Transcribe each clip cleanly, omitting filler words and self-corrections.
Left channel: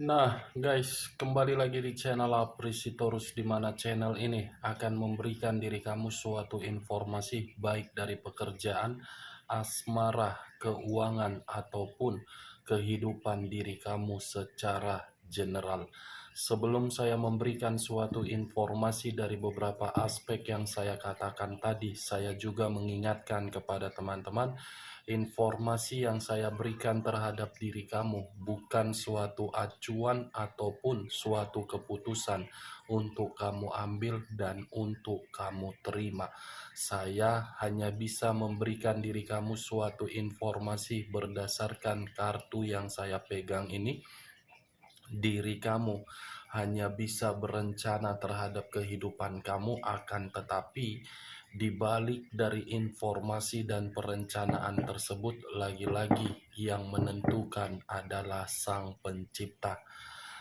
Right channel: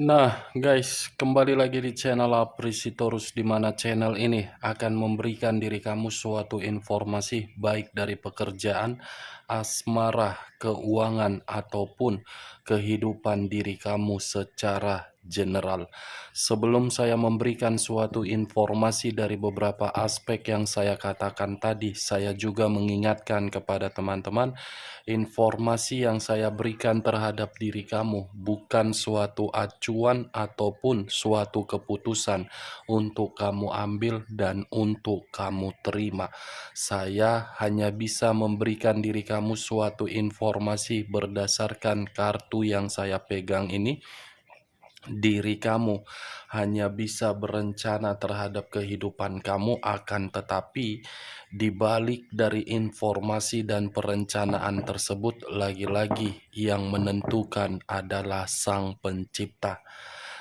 Nah, guys, kembali lagi di channel Aprisitorus, di mana channel ini akan memberikan diri kamu suatu informasi baik dari pekerjaan, asmara, keuangan, ataupun kehidupan diri kamu secara general. Sebelum saya memberikan suatu informasi dari beberapa aspek yang saya katakan tadi, saya juga mengingatkan kepada teman-teman, informasi yang saya berikan terhadap diri kamu bukan suatu acuan ataupun suatu keputusan untuk kamu ambil dan untuk kamu terima. Saya hanya bisa memberikan diri kamu suatu informasi berdasarkan kartu yang saya pegang ini. Diri kamu hanya bisa berencana terhadap kehidupan kamu, akan tetapi di balik dari informasi dan perencanaan tersebut, lagi-lagi yang menentukan adalah Sang Pencipta.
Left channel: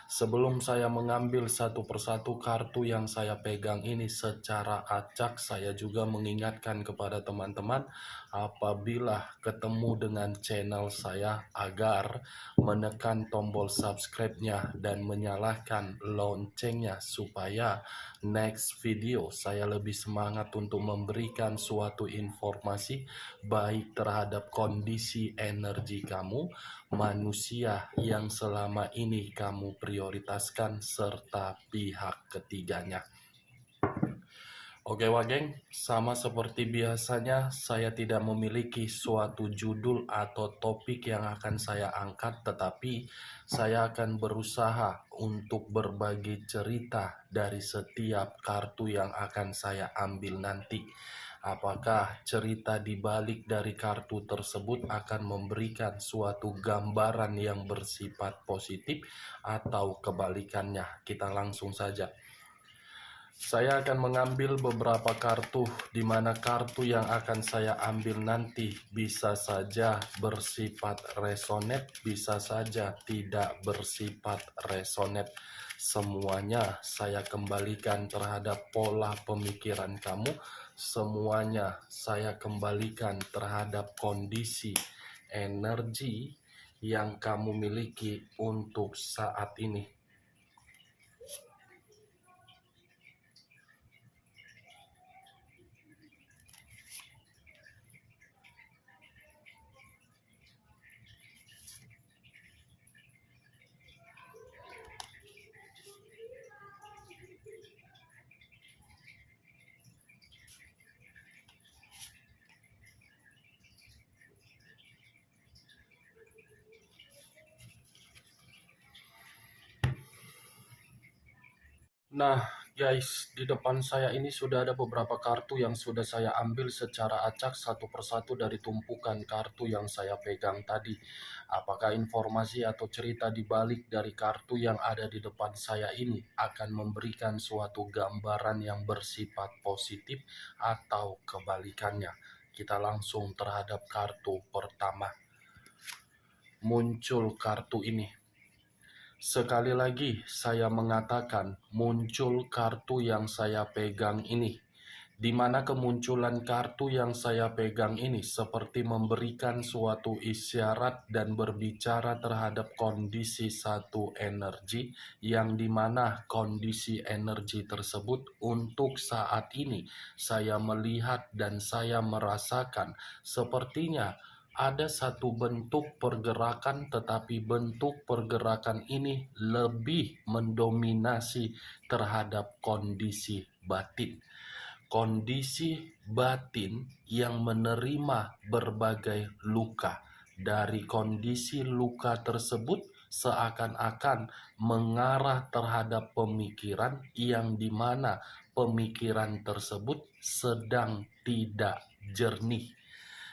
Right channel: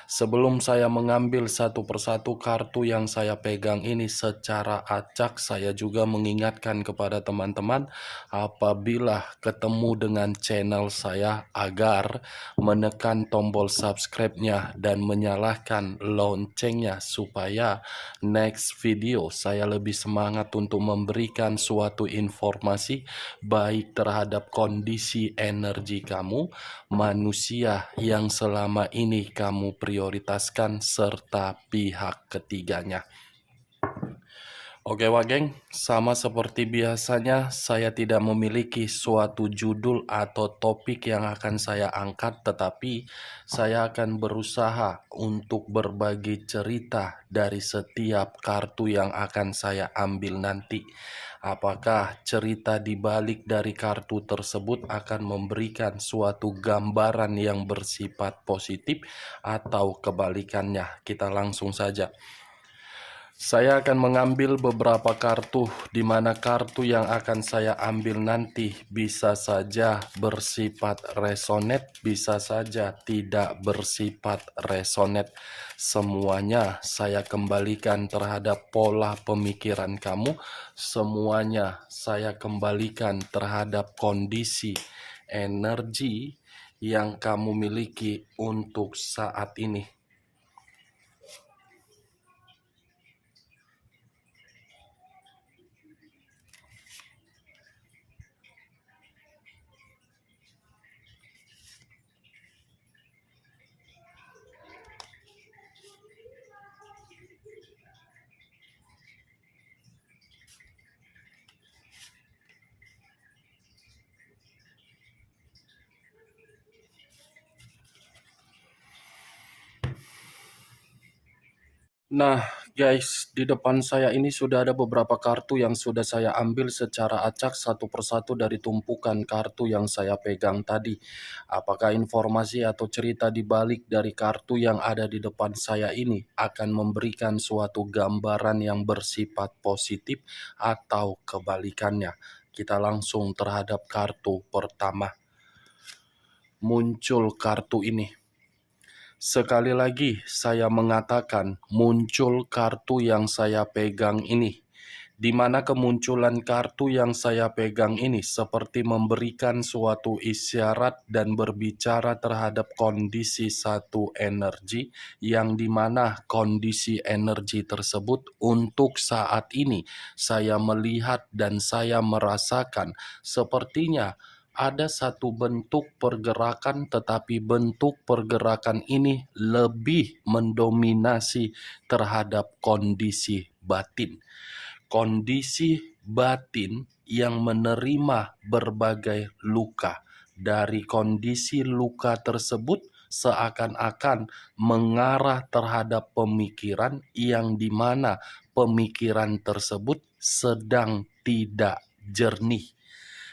Sebelum saya mengambil satu persatu kartu yang saya pegang ini secara acak, saya juga mengingatkan kepada teman-teman apabila ketemu dengan channel saya agar menekan tombol subscribe-nya dan menyalakan loncengnya supaya next video saya lebih semangat untuk memberikan suatu informasi baik terhadap kondisi energi kamu, manusia yang selama ini kamu prioritaskan, serta pihak ketiganya. Oke Wageng, sama seperti biasanya saya tidak memiliki suatu judul atau topik yang akan saya angkat, tetapi saya akan berusaha untuk berbagi cerita dari setiap kartu yang akan saya ambil nanti. Apakah cerita di balik dari kartu tersebut akan memberikan suatu gambaran yang bersifat positif atau kebalikannya? Kita langsung saja. Saya akan mengambil beberapa kartu, di mana kartu yang akan saya ambil nanti bisa saja bersifat resonate, bisa saja tidak bersifat resonate. Semuanya saya kembalikan terhadap pola pemikiran kamu, semuanya saya kembalikan terhadap kondisi energi yang kamu miliki untuk saat ini. Nah, guys, di depan saya ini sudah ada beberapa kartu yang sudah saya ambil secara acak satu persatu dari tumpukan kartu yang saya pegang tadi. Apakah informasi atau cerita di balik dari kartu yang ada di depan saya ini akan memberikan suatu gambaran yang bersifat positif atau kebalikannya? Kita langsung terhadap kartu pertama. Muncul kartu ini. Sekali lagi saya mengatakan muncul kartu yang saya pegang ini, di mana kemunculan kartu yang saya pegang ini seperti memberikan suatu isyarat dan berbicara terhadap kondisi satu energi, yang dimana kondisi energi tersebut untuk saat ini saya melihat dan saya merasakan sepertinya ada satu bentuk pergerakan, tetapi bentuk pergerakan ini lebih mendominasi terhadap kondisi batin. Kondisi batin yang menerima berbagai luka. Dari kondisi luka tersebut seakan-akan mengarah terhadap pemikiran yang dimana pemikiran tersebut sedang tidak jernih.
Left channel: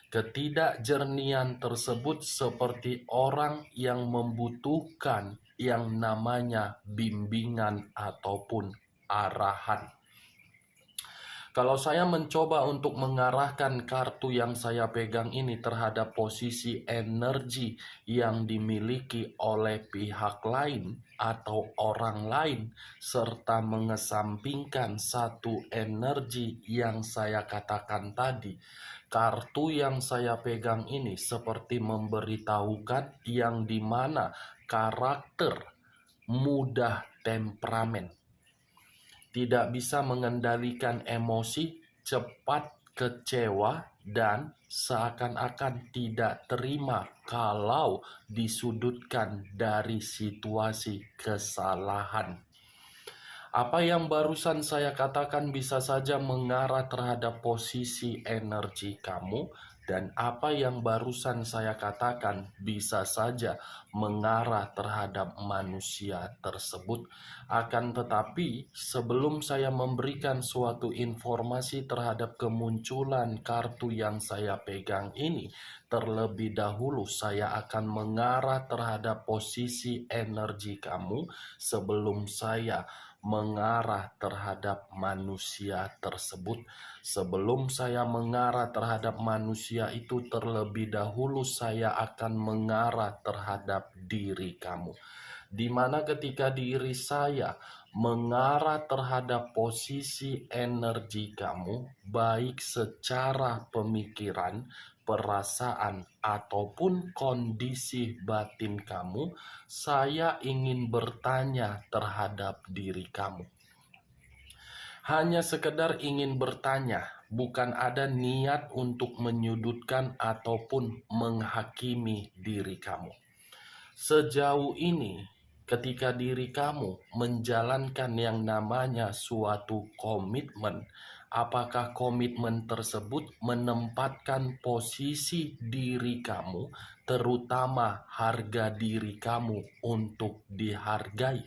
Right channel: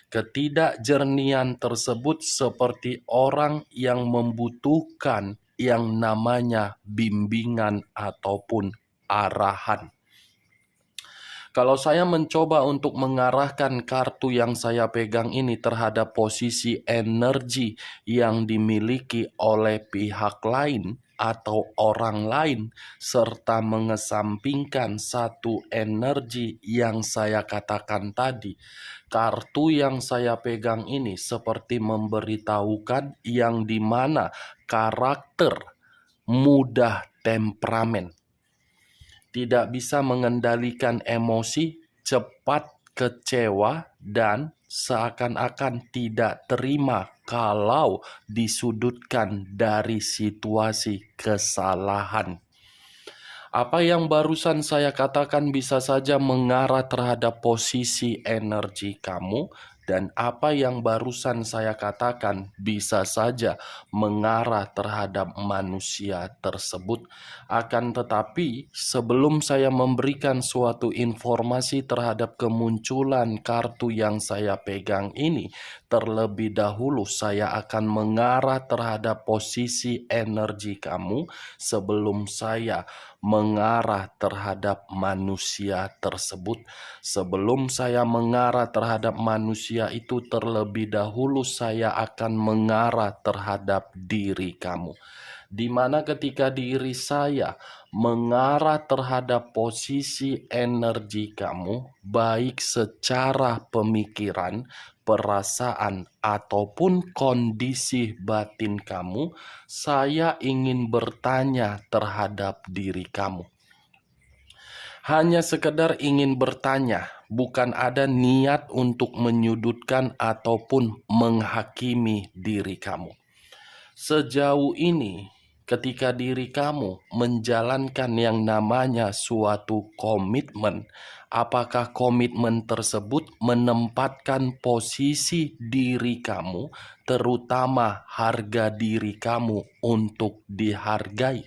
Ketidakjernihan tersebut seperti orang yang membutuhkan yang namanya bimbingan ataupun arahan. Kalau saya mencoba untuk mengarahkan kartu yang saya pegang ini terhadap posisi energi yang dimiliki oleh pihak lain atau orang lain, serta mengesampingkan satu energi yang saya katakan tadi, kartu yang saya pegang ini seperti memberitahukan yang dimana karakter mudah temperamen, tidak bisa mengendalikan emosi, cepat kecewa, dan seakan-akan tidak terima kalau disudutkan dari situasi kesalahan. Apa yang barusan saya katakan bisa saja mengarah terhadap posisi energi kamu, dan apa yang barusan saya katakan bisa saja mengarah terhadap manusia tersebut. Akan tetapi, sebelum saya memberikan suatu informasi terhadap kemunculan kartu yang saya pegang ini, terlebih dahulu saya akan mengarah terhadap posisi energi kamu sebelum saya mengarah terhadap manusia tersebut. Sebelum saya mengarah terhadap manusia itu, terlebih dahulu saya akan mengarah terhadap diri kamu. Di mana ketika diri saya mengarah terhadap posisi energi kamu, baik secara pemikiran, perasaan, ataupun kondisi batin kamu, saya ingin bertanya terhadap diri kamu. Hanya sekedar ingin bertanya, bukan ada niat untuk menyudutkan ataupun menghakimi diri kamu. Sejauh ini, ketika diri kamu menjalankan yang namanya suatu komitmen, apakah komitmen tersebut menempatkan posisi diri kamu, terutama harga diri kamu, untuk dihargai?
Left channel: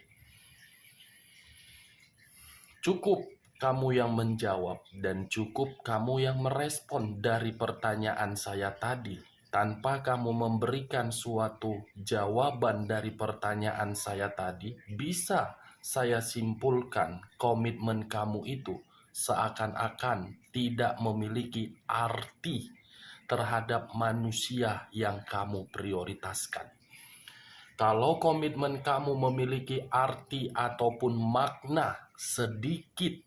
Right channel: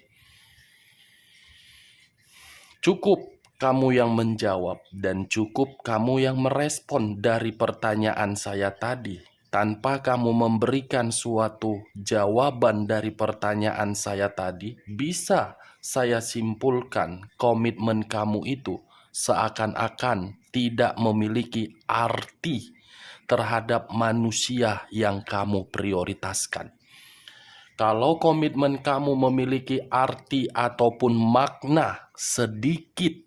Cukup kamu yang menjawab dan cukup kamu yang merespon dari pertanyaan saya tadi. Tanpa kamu memberikan suatu jawaban dari pertanyaan saya tadi, bisa saya simpulkan komitmen kamu itu seakan-akan tidak memiliki arti terhadap manusia yang kamu prioritaskan. Kalau komitmen kamu memiliki arti ataupun makna sedikit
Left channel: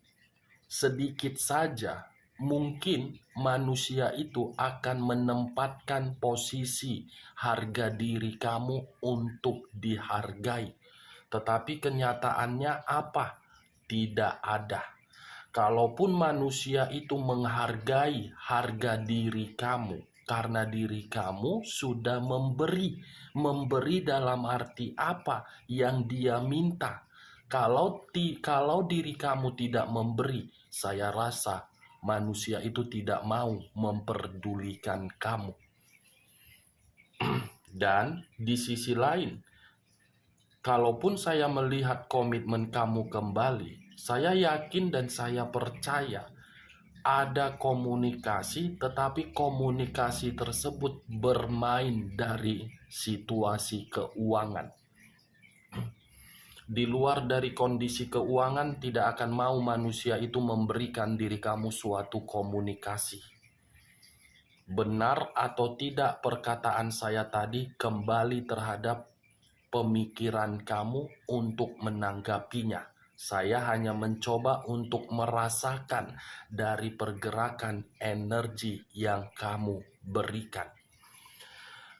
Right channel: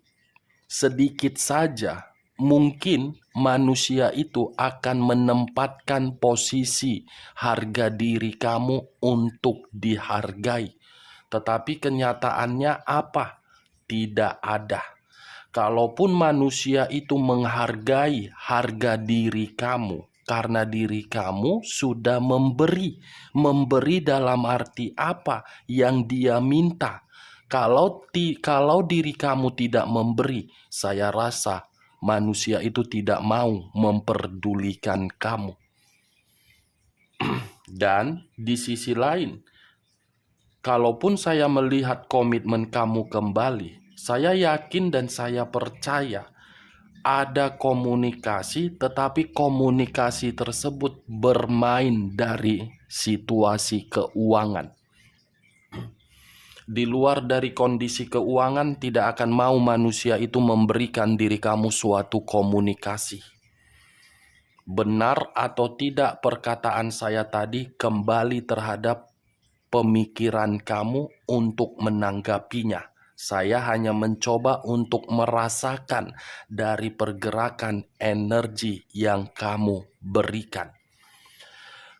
saja, mungkin manusia itu akan menempatkan posisi harga diri kamu untuk dihargai. Tetapi kenyataannya apa? Tidak ada. Kalaupun manusia itu menghargai harga diri kamu, karena diri kamu sudah memberi dalam arti apa yang dia minta. Kalau diri kamu tidak memberi, saya rasa manusia itu tidak mau memperdulikan kamu. Dan di sisi lain, kalaupun saya melihat komitmen kamu kembali, saya yakin dan saya percaya ada komunikasi, tetapi komunikasi tersebut bermain dari situasi keuangan. Di luar dari kondisi keuangan, tidak akan mau manusia itu memberikan diri kamu suatu komunikasi. Benar atau tidak perkataan saya tadi kembali terhadap pemikiran kamu untuk menanggapinya. Saya hanya mencoba untuk merasakan dari pergerakan energi yang kamu berikan.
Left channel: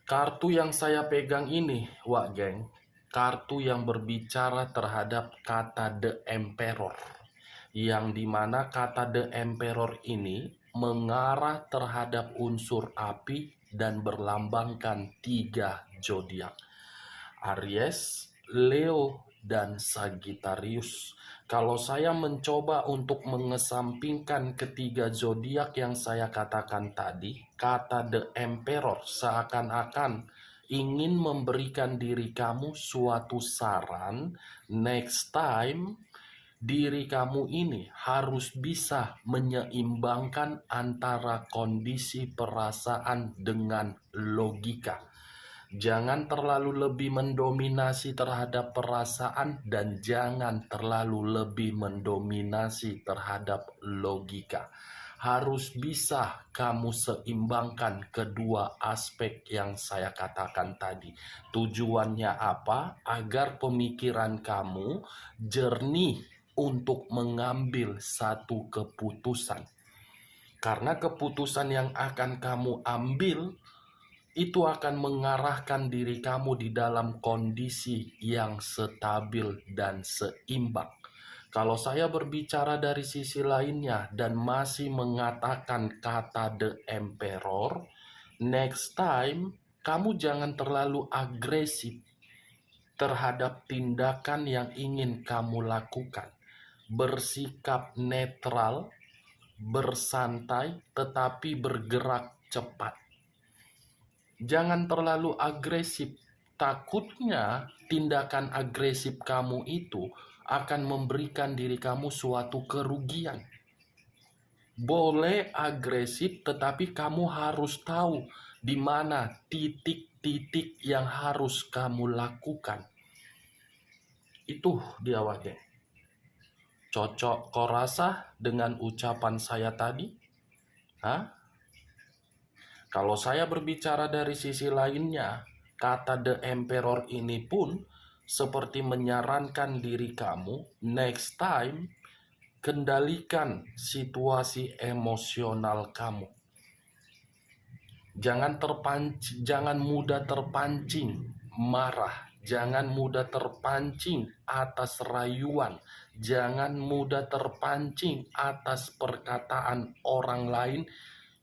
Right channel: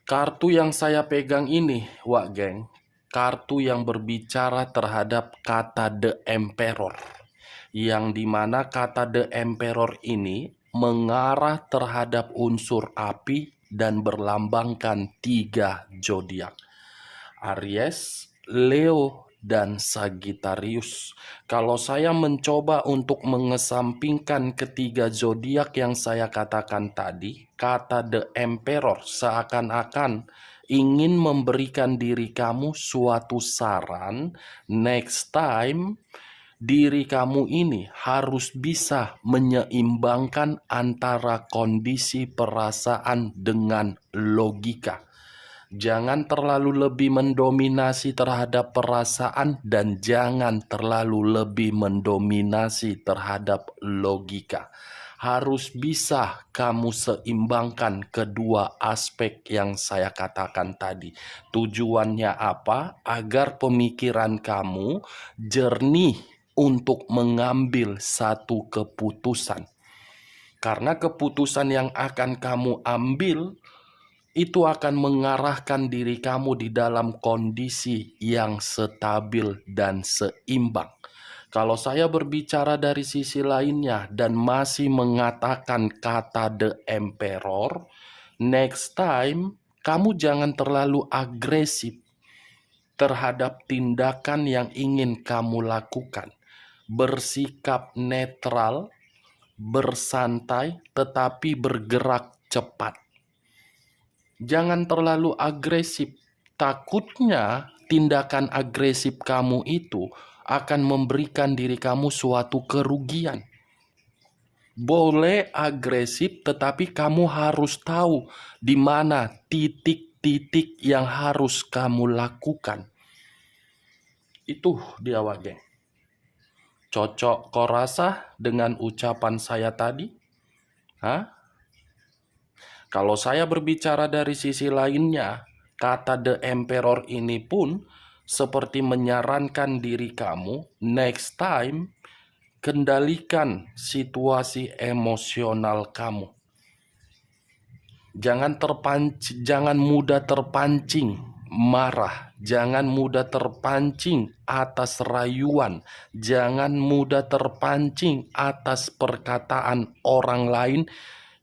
Kartu yang saya pegang ini, Wak Geng, kartu yang berbicara terhadap kata The Emperor, yang dimana kata The Emperor ini mengarah terhadap unsur api dan berlambangkan 3 zodiak: Aries, Leo, dan Sagittarius. Kalau saya mencoba untuk mengesampingkan ketiga zodiak yang saya katakan tadi, kata The Emperor seakan-akan ingin memberikan diri kamu suatu saran. Next time, diri kamu ini harus bisa menyeimbangkan antara kondisi perasaan dengan logika. Jangan terlalu lebih mendominasi terhadap perasaan dan jangan terlalu lebih mendominasi terhadap logika. Harus bisa kamu seimbangkan kedua aspek yang saya katakan tadi. Tujuannya apa? Agar pemikiran kamu jernih untuk mengambil satu keputusan. Karena keputusan yang akan kamu ambil itu akan mengarahkan diri kamu di dalam kondisi yang stabil dan seimbang. Kalau saya berbicara dari sisi lainnya dan masih mengatakan kata the emperor, next time kamu jangan terlalu agresif terhadap tindakan yang ingin kamu lakukan. Bersikap netral, bersantai, tetapi bergerak cepat. Jangan terlalu agresif. Takutnya tindakan agresif kamu itu akan memberikan diri kamu suatu kerugian. Boleh agresif, tetapi kamu harus tahu di mana titik-titik yang harus kamu lakukan. Itu dia wage. Cocok kau rasa dengan ucapan saya tadi? Hah? Kalau saya berbicara dari sisi lainnya, kata the emperor ini pun seperti menyarankan diri kamu, next time kendalikan situasi emosional kamu. Jangan mudah terpancing marah, jangan mudah terpancing atas rayuan, jangan mudah terpancing atas perkataan orang lain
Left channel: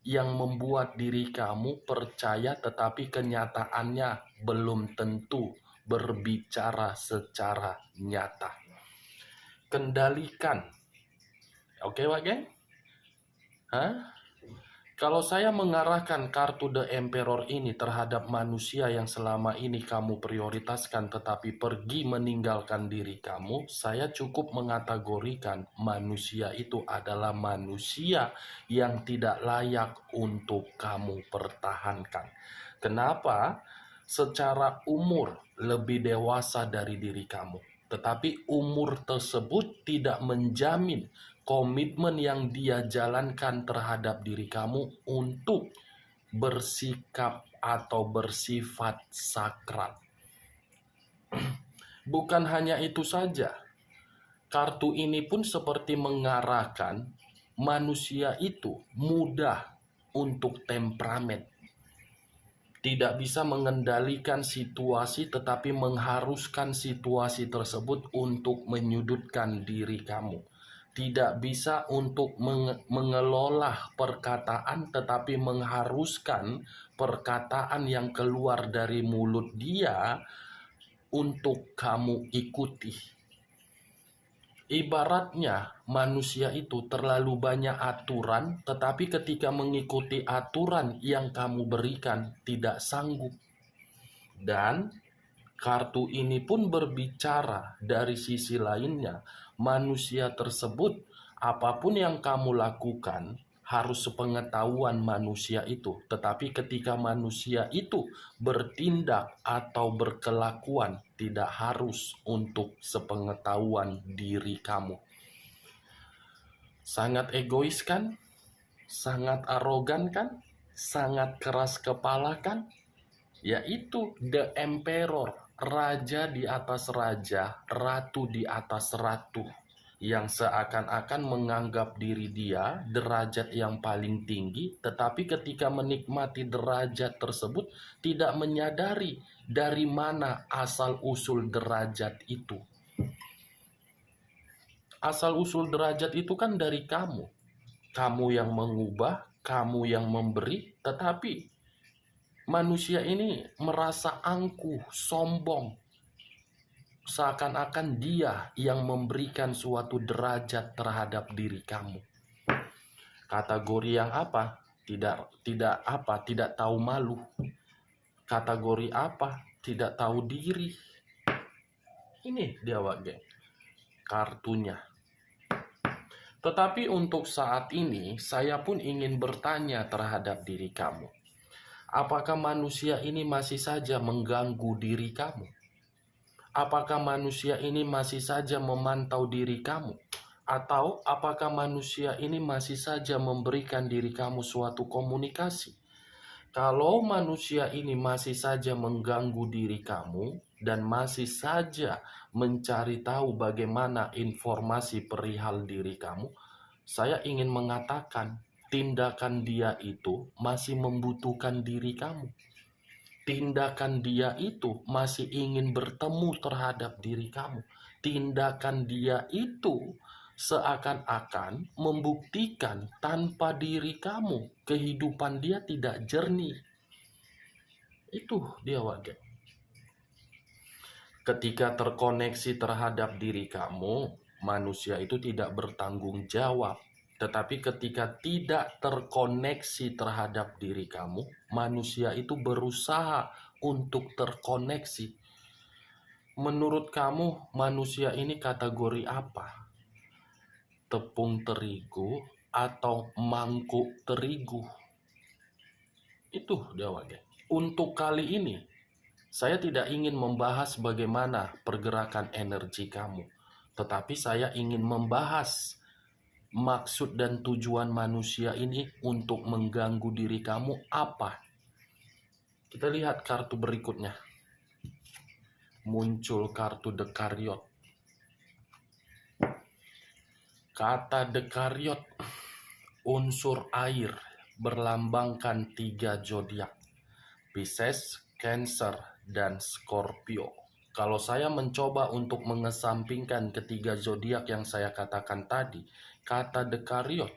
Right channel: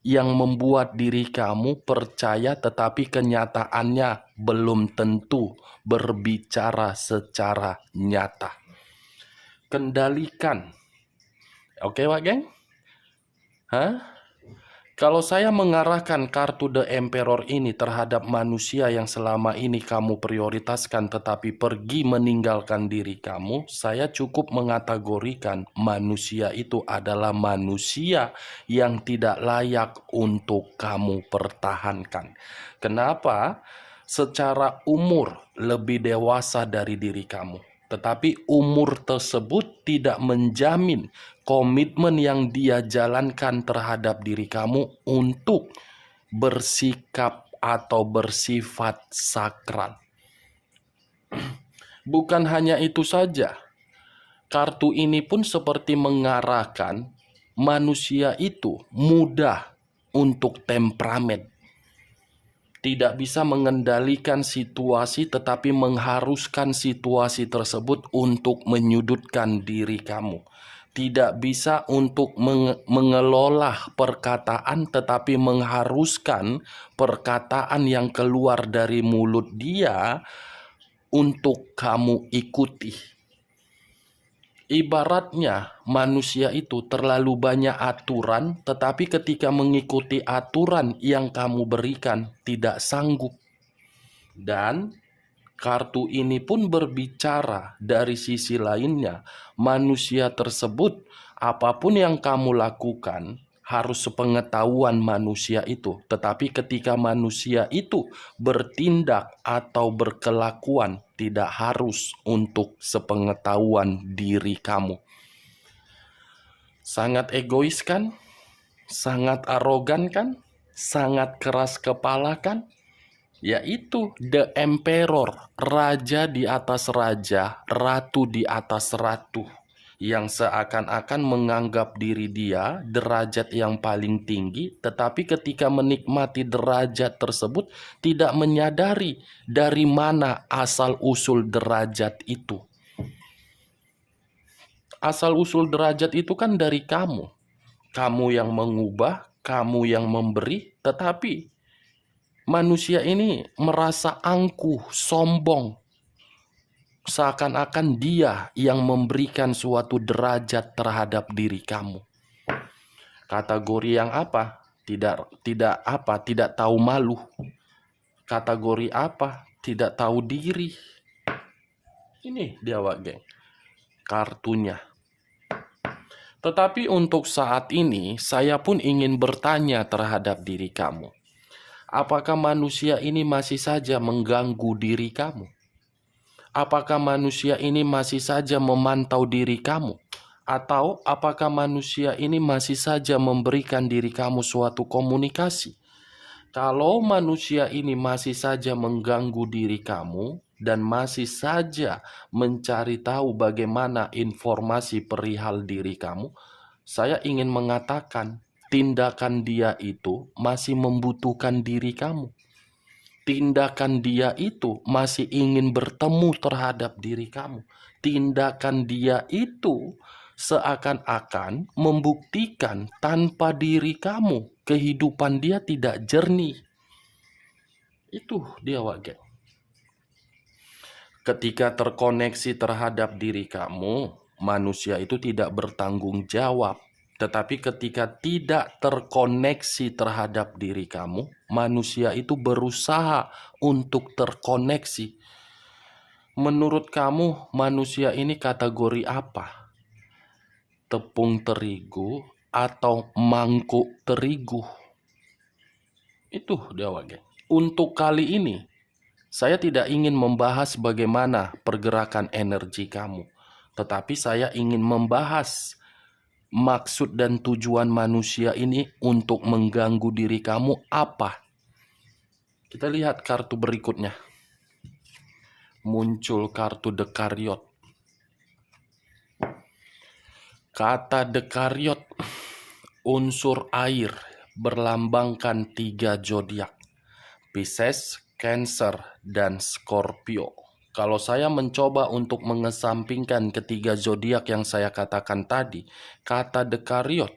yang membuat diri kamu percaya tetapi kenyataannya belum tentu berbicara secara nyata. Kendalikan. Oke, Wak Geng? Kalau saya mengarahkan kartu The Emperor ini terhadap manusia yang selama ini kamu prioritaskan tetapi pergi meninggalkan diri kamu, saya cukup mengategorikan manusia itu adalah manusia yang tidak layak untuk kamu pertahankan. Kenapa? Secara umur lebih dewasa dari diri kamu. Tetapi umur tersebut tidak menjamin komitmen yang dia jalankan terhadap diri kamu untuk bersikap atau bersifat sakral. Bukan hanya itu saja, kartu ini pun seperti mengarahkan manusia itu mudah untuk temperamen. Tidak bisa mengendalikan situasi tetapi mengharuskan situasi tersebut untuk menyudutkan diri kamu. Tidak bisa untuk mengelola perkataan tetapi mengharuskan perkataan yang keluar dari mulut dia untuk kamu ikuti. Ibaratnya manusia itu terlalu banyak aturan, tetapi ketika mengikuti aturan yang kamu berikan tidak sanggup. Dan kartu ini pun berbicara dari sisi lainnya, manusia tersebut apapun yang kamu lakukan harus sepengetahuan manusia itu. Tetapi ketika manusia itu bertindak atau berkelakuan, tidak harus untuk sepengetahuan diri kamu. Sangat egois kan? Sangat arogan kan? Sangat keras kepala kan? Yaitu The Emperor, raja di atas raja, ratu di atas ratu, yang seakan-akan menganggap diri dia derajat yang paling tinggi, tetapi ketika menikmati derajat tersebut tidak menyadari dari mana asal-usul derajat itu. Asal-usul derajat itu kan dari kamu. Kamu yang mengubah, kamu yang memberi, tetapi manusia ini merasa angkuh, sombong. Seakan-akan dia yang memberikan suatu derajat terhadap diri kamu. Kategori yang apa? Tidak tahu malu. Kategori apa? Tidak tahu diri. Ini dia, Wak Geng, kartunya. Tetapi untuk saat ini, saya pun ingin bertanya terhadap diri kamu. Apakah manusia ini masih saja mengganggu diri kamu? Apakah manusia ini masih saja memantau diri kamu? Atau apakah manusia ini masih saja memberikan diri kamu suatu komunikasi? Kalau manusia ini masih saja mengganggu diri kamu dan masih saja mencari tahu bagaimana informasi perihal diri kamu, saya ingin mengatakan tindakan dia itu masih membutuhkan diri kamu. Tindakan dia itu masih ingin bertemu terhadap diri kamu. Tindakan dia itu seakan-akan membuktikan tanpa diri kamu, kehidupan dia tidak jernih. Itu dia wage. Ketika terkoneksi terhadap diri kamu, manusia itu tidak bertanggung jawab. Tetapi ketika tidak terkoneksi terhadap diri kamu, manusia itu berusaha untuk terkoneksi. Menurut kamu, manusia ini kategori apa? Tepung terigu atau mangkuk terigu? Itu dia wage. Untuk kali ini, saya tidak ingin membahas bagaimana pergerakan energi kamu, tetapi saya ingin membahas maksud dan tujuan manusia ini untuk mengganggu diri kamu apa. Kita lihat kartu berikutnya. Muncul kartu Dekariot. Kata Dekariot, unsur air, berlambangkan 3 zodiak. Pisces, Cancer, dan Scorpio. Kalau saya mencoba untuk mengesampingkan ketiga zodiak yang saya katakan tadi, kata Dekariot,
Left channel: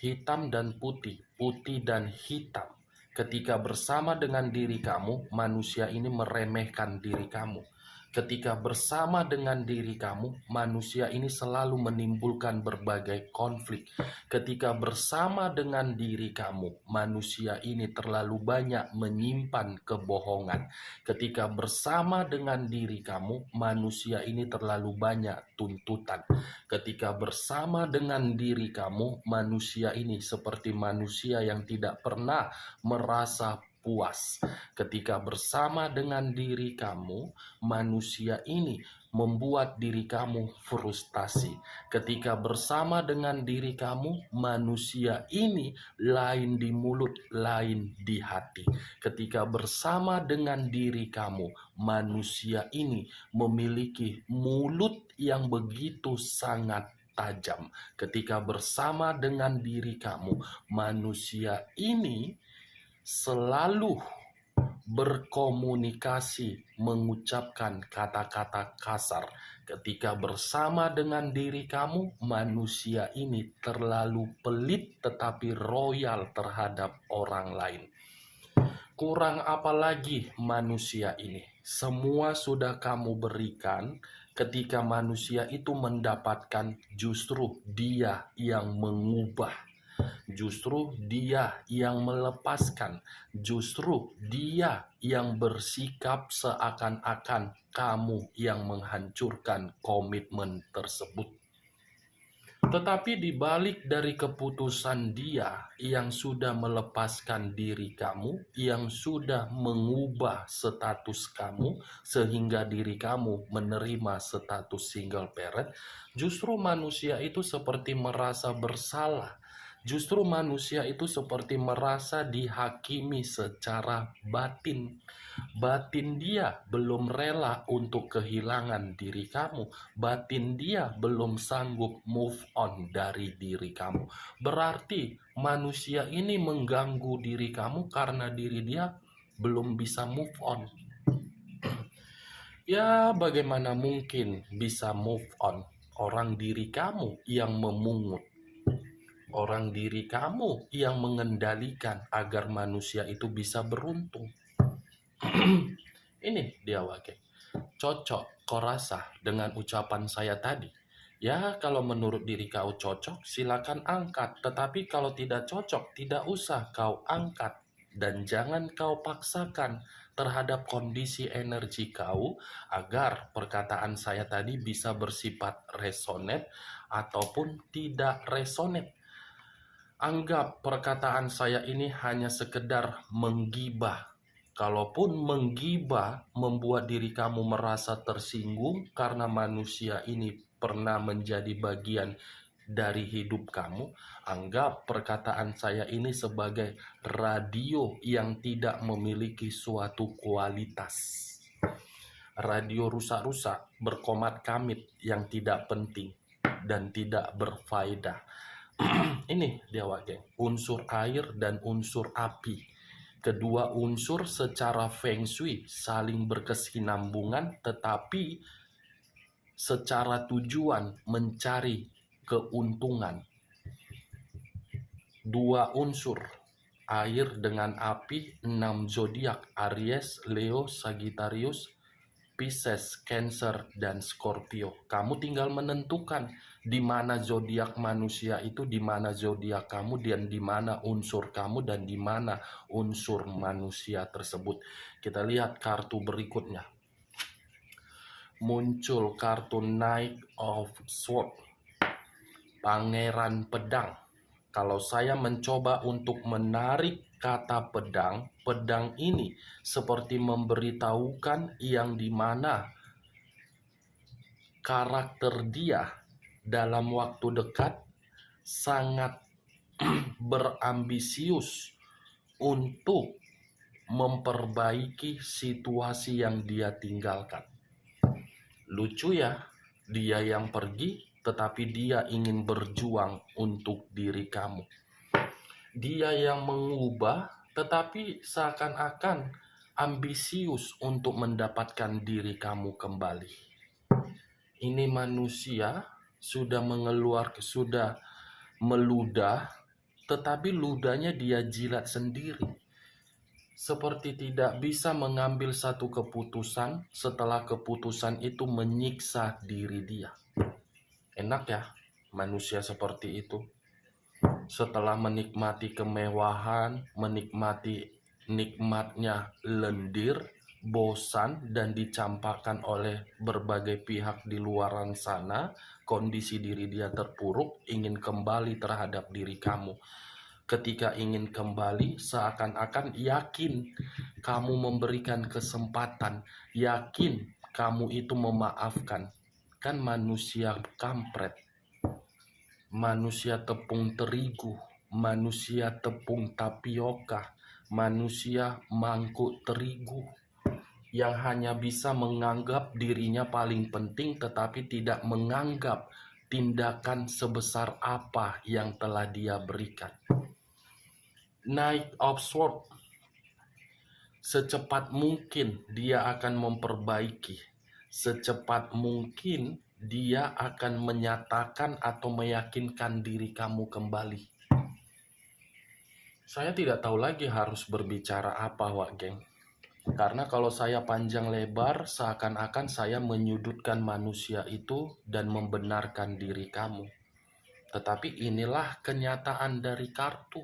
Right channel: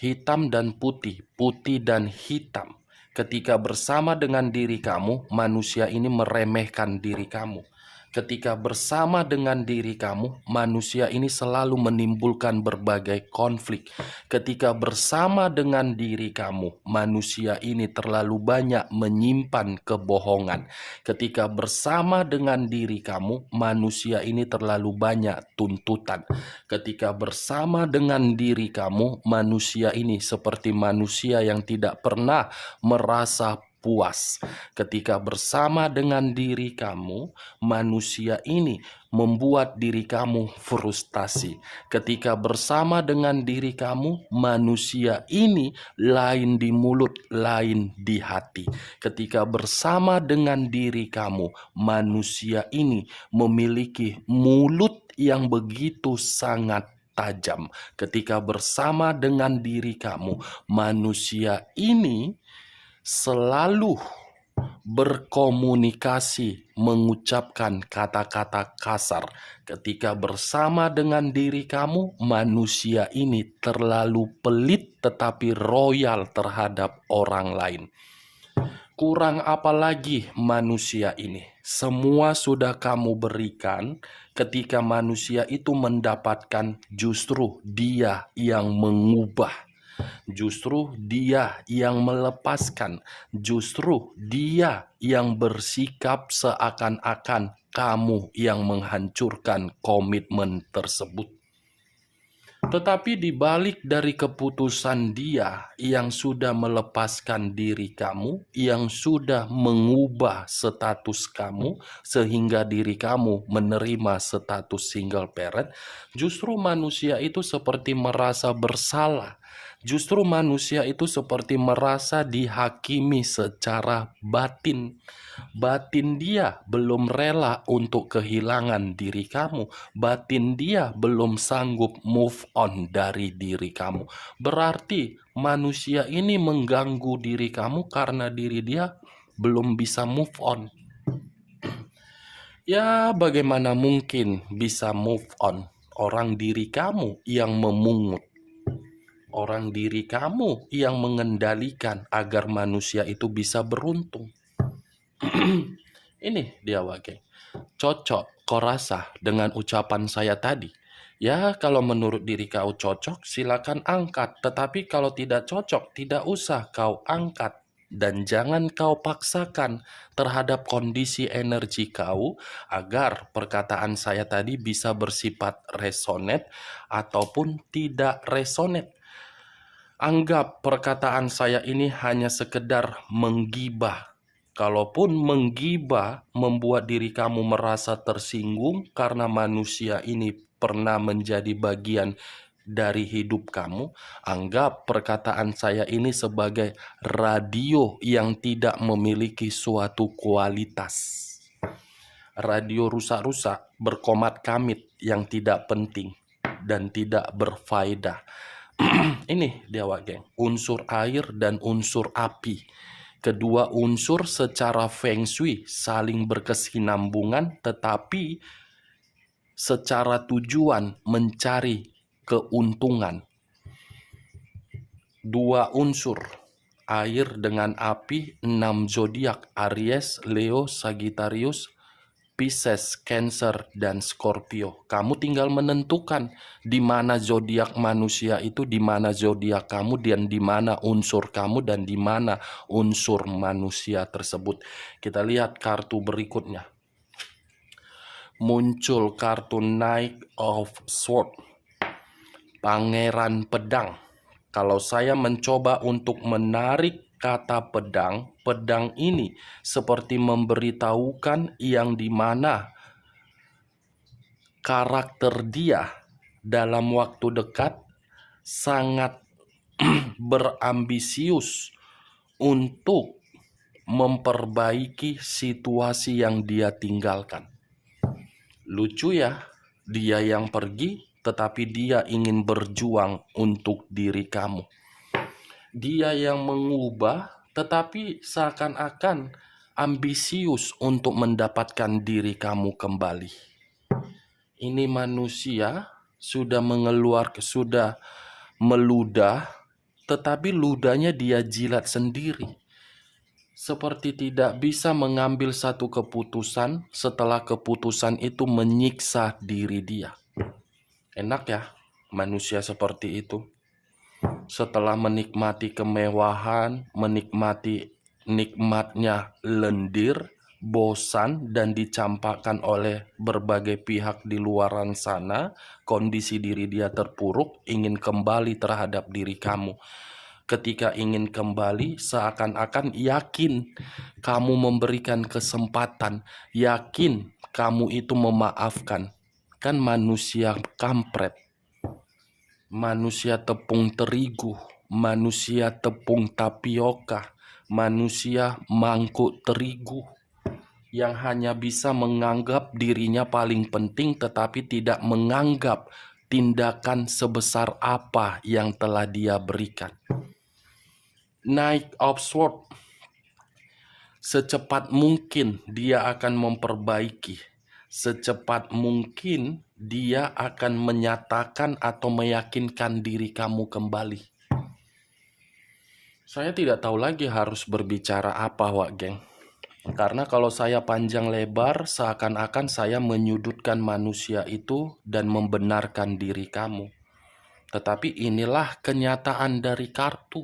hitam dan putih, putih dan hitam. Ketika bersama dengan diri kamu, manusia ini meremehkan diri kamu. Ketika bersama dengan diri kamu, manusia ini selalu menimbulkan berbagai konflik. Ketika bersama dengan diri kamu, manusia ini terlalu banyak menyimpan kebohongan. Ketika bersama dengan diri kamu, manusia ini terlalu banyak tuntutan. Ketika bersama dengan diri kamu, manusia ini seperti manusia yang tidak pernah merasa puas. Ketika bersama dengan diri kamu, manusia ini membuat diri kamu frustasi. Ketika bersama dengan diri kamu, manusia ini lain di mulut, lain di hati. Ketika bersama dengan diri kamu, manusia ini memiliki mulut yang begitu sangat tajam. Ketika bersama dengan diri kamu, manusia ini selalu berkomunikasi, mengucapkan kata-kata kasar. Ketika bersama dengan diri kamu, manusia ini terlalu pelit tetapi royal terhadap orang lain. Kurang apa lagi manusia ini? Semua sudah kamu berikan. Ketika manusia itu mendapatkan, justru dia yang mengubah. Justru dia yang melepaskan. Justru dia yang bersikap seakan-akan kamu yang menghancurkan komitmen tersebut. Tetapi di balik dari keputusan dia yang sudah melepaskan diri kamu, yang sudah mengubah status kamu sehingga diri kamu menerima status single parent, justru manusia itu seperti merasa bersalah. Justru manusia itu seperti merasa dihakimi secara batin. Batin dia belum rela untuk kehilangan diri kamu. Batin dia belum sanggup move on dari diri kamu. Berarti manusia ini mengganggu diri kamu karena diri dia belum bisa move on. Ya, bagaimana mungkin bisa move on? Orang diri kamu yang memungut. Orang diri kamu yang mengendalikan agar manusia itu bisa beruntung. Ini dia wage. Cocok kau rasa dengan ucapan saya tadi? Ya, kalau menurut diri kau cocok, silakan angkat. Tetapi kalau tidak cocok, tidak usah kau angkat. Dan jangan kau paksakan terhadap kondisi energi kau agar perkataan saya tadi bisa bersifat resonate ataupun tidak resonate. Anggap perkataan saya ini hanya sekedar menggibah. Kalaupun menggibah membuat diri kamu merasa tersinggung karena manusia ini pernah menjadi bagian dari hidup kamu, anggap perkataan saya ini sebagai radio yang tidak memiliki suatu kualitas. Radio rusak-rusak berkomat kamit yang tidak penting dan tidak berfaedah. Ini dia wage, unsur air dan unsur api. Kedua unsur secara feng shui saling berkesinambungan, tetapi secara tujuan mencari keuntungan. Dua unsur, air dengan api, 6 zodiak, Aries, Leo, Sagittarius, Pisces, Cancer, dan Scorpio. Kamu tinggal menentukan di mana zodiak manusia itu, di mana zodiak kamu, dan di mana unsur kamu, dan di mana unsur manusia tersebut. Kita lihat kartu berikutnya. Muncul kartu Knight of Swords, Pangeran Pedang. Kalau saya mencoba untuk menarik kata pedang, pedang ini seperti memberitahukan yang dimana karakter dia dalam waktu dekat sangat berambisius untuk memperbaiki situasi yang dia tinggalkan. Lucu ya, dia yang pergi tetapi dia ingin berjuang untuk diri kamu. Dia yang mengubah tetapi seakan-akan ambisius untuk mendapatkan diri kamu kembali. Ini manusia sudah sudah meludah, tetapi ludahnya dia jilat sendiri. Seperti tidak bisa mengambil satu keputusan setelah keputusan itu menyiksa diri dia. Enak ya manusia seperti itu. Setelah menikmati kemewahan, menikmati nikmatnya lendir, bosan, dan dicampakkan oleh berbagai pihak di luaran sana, kondisi diri dia terpuruk, ingin kembali terhadap diri kamu. Ketika ingin kembali, seakan-akan yakin kamu memberikan kesempatan, yakin kamu itu memaafkan. Kan manusia kampret, manusia tepung terigu, manusia tepung tapioka, manusia mangkuk terigu yang hanya bisa menganggap dirinya paling penting tetapi tidak menganggap tindakan sebesar apa yang telah dia berikan. Knight of Swords, secepat mungkin dia akan memperbaiki, secepat mungkin dia akan menyatakan atau meyakinkan diri kamu kembali. Saya tidak tahu lagi harus berbicara apa, Wak Geng. Karena kalau saya panjang lebar, seakan-akan saya menyudutkan manusia itu dan membenarkan diri kamu. Tetapi inilah kenyataan dari kartu.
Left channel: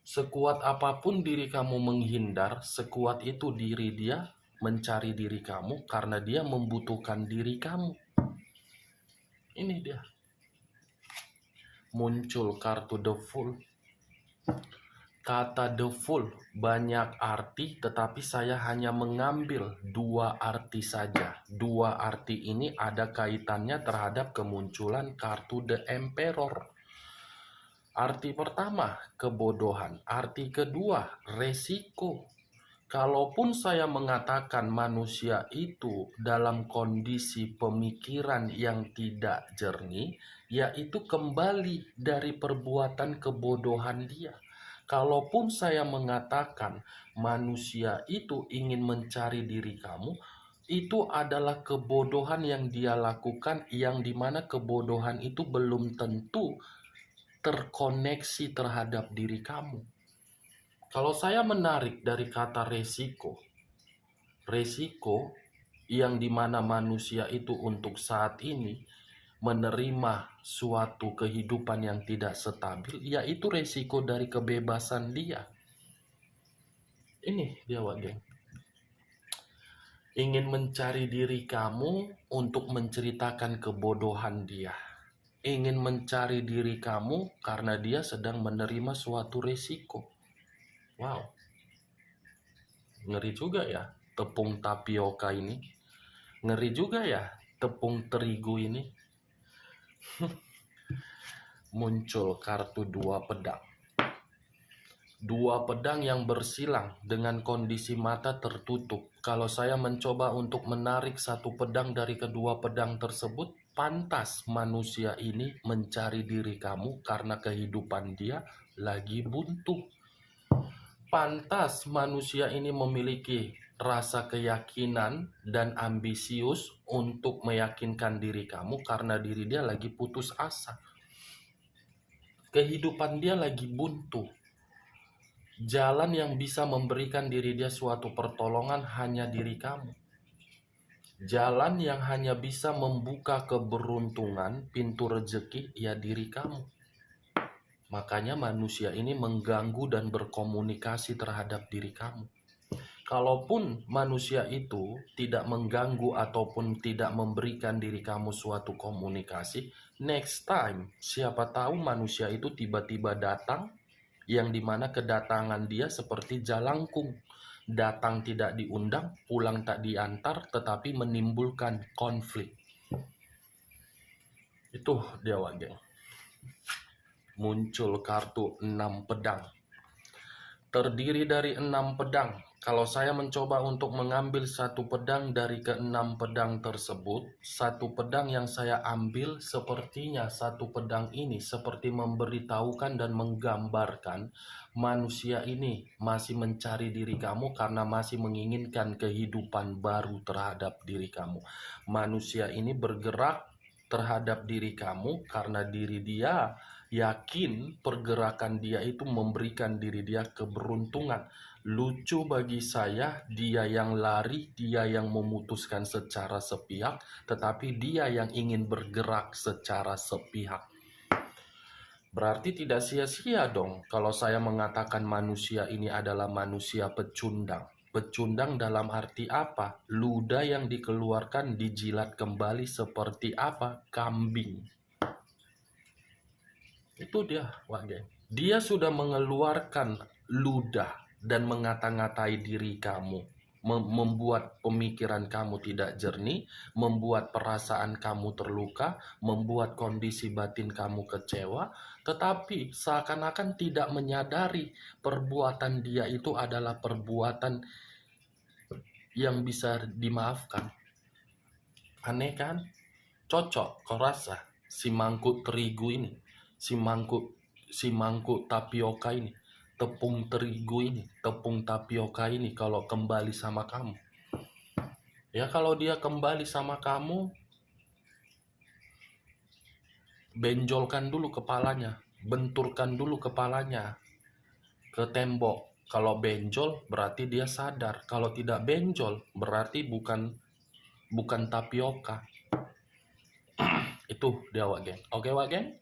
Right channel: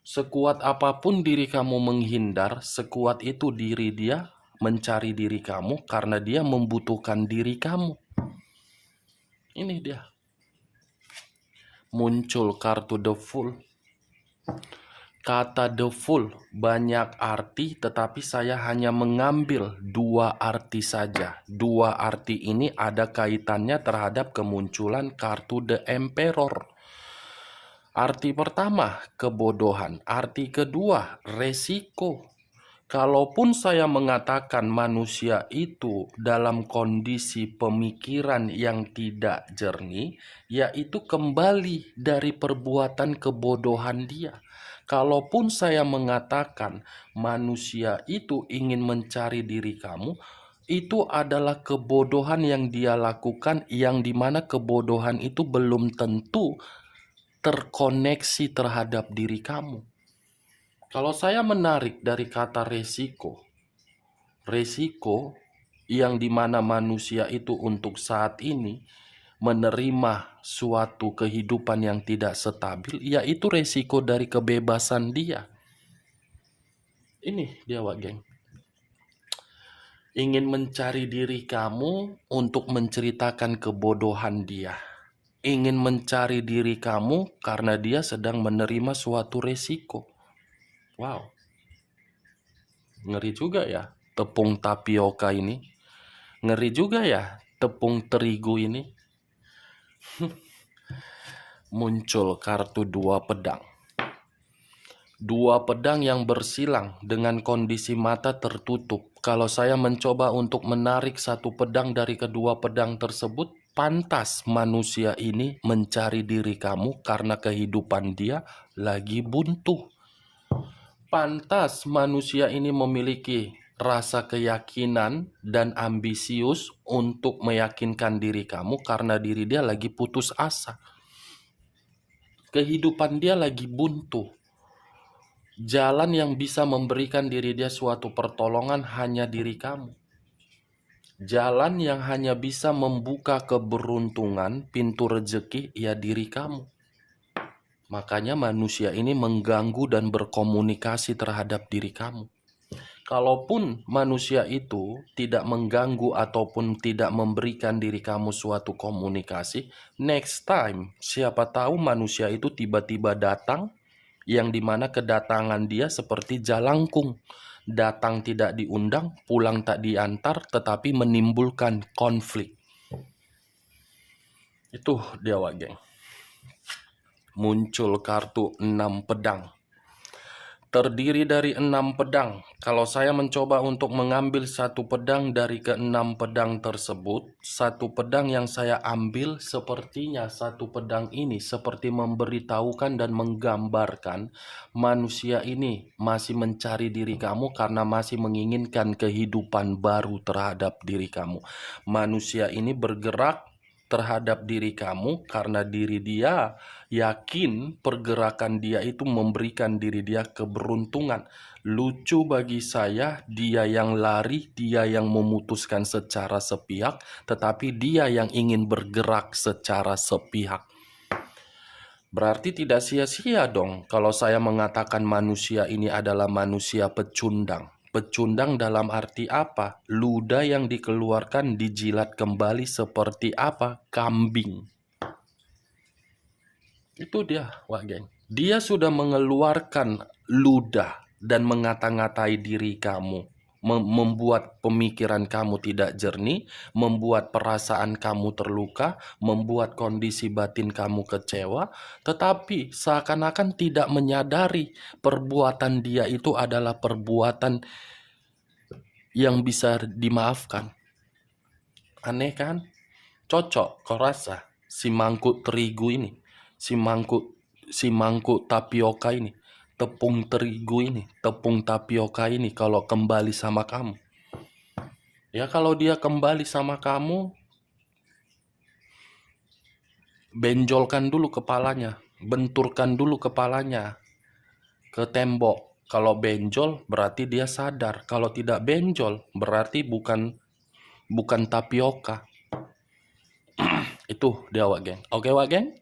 Sekuat apapun diri kamu menghindar, sekuat itu diri dia mencari diri kamu karena dia membutuhkan diri kamu. Ini dia. Muncul kartu The Fool. Kata The Fool banyak arti, tetapi saya hanya mengambil 2 arti saja. 2 arti ini ada kaitannya terhadap kemunculan kartu The Emperor. Arti pertama, kebodohan. Arti kedua, resiko. Kalaupun saya mengatakan manusia itu dalam kondisi pemikiran yang tidak jernih, yaitu kembali dari perbuatan kebodohan dia. Kalaupun saya mengatakan manusia itu ingin mencari diri kamu, itu adalah kebodohan yang dia lakukan, yang dimana kebodohan itu belum tentu terkoneksi terhadap diri kamu. Kalau saya menarik dari kata resiko, resiko yang dimana manusia itu untuk saat ini menerima suatu kehidupan yang tidak stabil, yaitu resiko dari kebebasan dia. Ini dia, Wak Geng. Ingin mencari diri kamu untuk menceritakan kebodohan dia. Ingin mencari diri kamu karena dia sedang menerima suatu resiko. Wow, ngeri juga ya tepung tapioka ini. Ngeri juga ya tepung terigu ini. Muncul kartu 2 pedang. 2 pedang yang bersilang dengan kondisi mata tertutup. Kalau saya mencoba untuk menarik satu pedang dari kedua pedang tersebut, pantas manusia ini mencari diri kamu karena kehidupan dia lagi buntu. Pantas manusia ini memiliki rasa keyakinan dan ambisius untuk meyakinkan diri kamu karena diri dia lagi putus asa. Kehidupan dia lagi buntu. Jalan yang bisa memberikan diri dia suatu pertolongan hanya diri kamu. Jalan yang hanya bisa membuka keberuntungan, pintu rezeki, ya diri kamu. Makanya manusia ini mengganggu dan berkomunikasi terhadap diri kamu. Kalaupun manusia itu tidak mengganggu ataupun tidak memberikan diri kamu suatu komunikasi, next time siapa tahu manusia itu tiba-tiba datang, yang dimana kedatangan dia seperti jalangkung. Datang tidak diundang, pulang tak diantar, tetapi menimbulkan konflik. Itu dia, Wak Geng. Muncul kartu 6 pedang. Terdiri dari 6 pedang. Kalau saya mencoba untuk mengambil satu pedang dari ke-6 pedang tersebut, satu pedang yang saya ambil sepertinya satu pedang ini seperti memberitahukan dan menggambarkan manusia ini masih mencari diri kamu karena masih menginginkan kehidupan baru terhadap diri kamu. Manusia ini bergerak terhadap diri kamu karena diri dia yakin pergerakan dia itu memberikan diri dia keberuntungan. Lucu bagi saya, dia yang lari, dia yang memutuskan secara sepihak, tetapi dia yang ingin bergerak secara sepihak. Berarti tidak sia-sia dong kalau saya mengatakan manusia ini adalah manusia pecundang. Pecundang dalam arti apa? Ludah yang dikeluarkan dijilat kembali seperti apa? Kambing. Itu dia, Wak Geng. Dia sudah mengeluarkan ludah dan mengata-ngatai diri kamu. Membuat pemikiran kamu tidak jernih, membuat perasaan kamu terluka, membuat kondisi batin kamu kecewa, tetapi seakan-akan tidak menyadari perbuatan dia itu adalah perbuatan yang bisa dimaafkan. Aneh kan? Cocok, kau rasa si mangkuk terigu ini, si mangkuk tapioka ini, tepung terigu ini, tepung tapioka ini kalau kembali sama kamu. Ya kalau dia kembali sama kamu, benjolkan dulu kepalanya, benturkan dulu kepalanya ke tembok. Kalau benjol berarti dia sadar, kalau tidak benjol berarti bukan tapioka. Itu dia, Wak Geng. Oke, Wak Geng?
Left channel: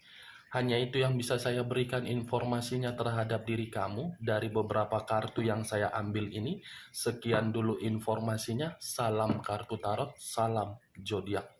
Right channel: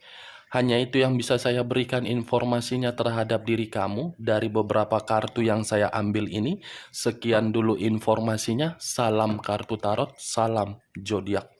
Hanya itu yang bisa saya berikan informasinya terhadap diri kamu dari beberapa kartu yang saya ambil ini. Sekian dulu informasinya. Salam kartu tarot, salam zodiak.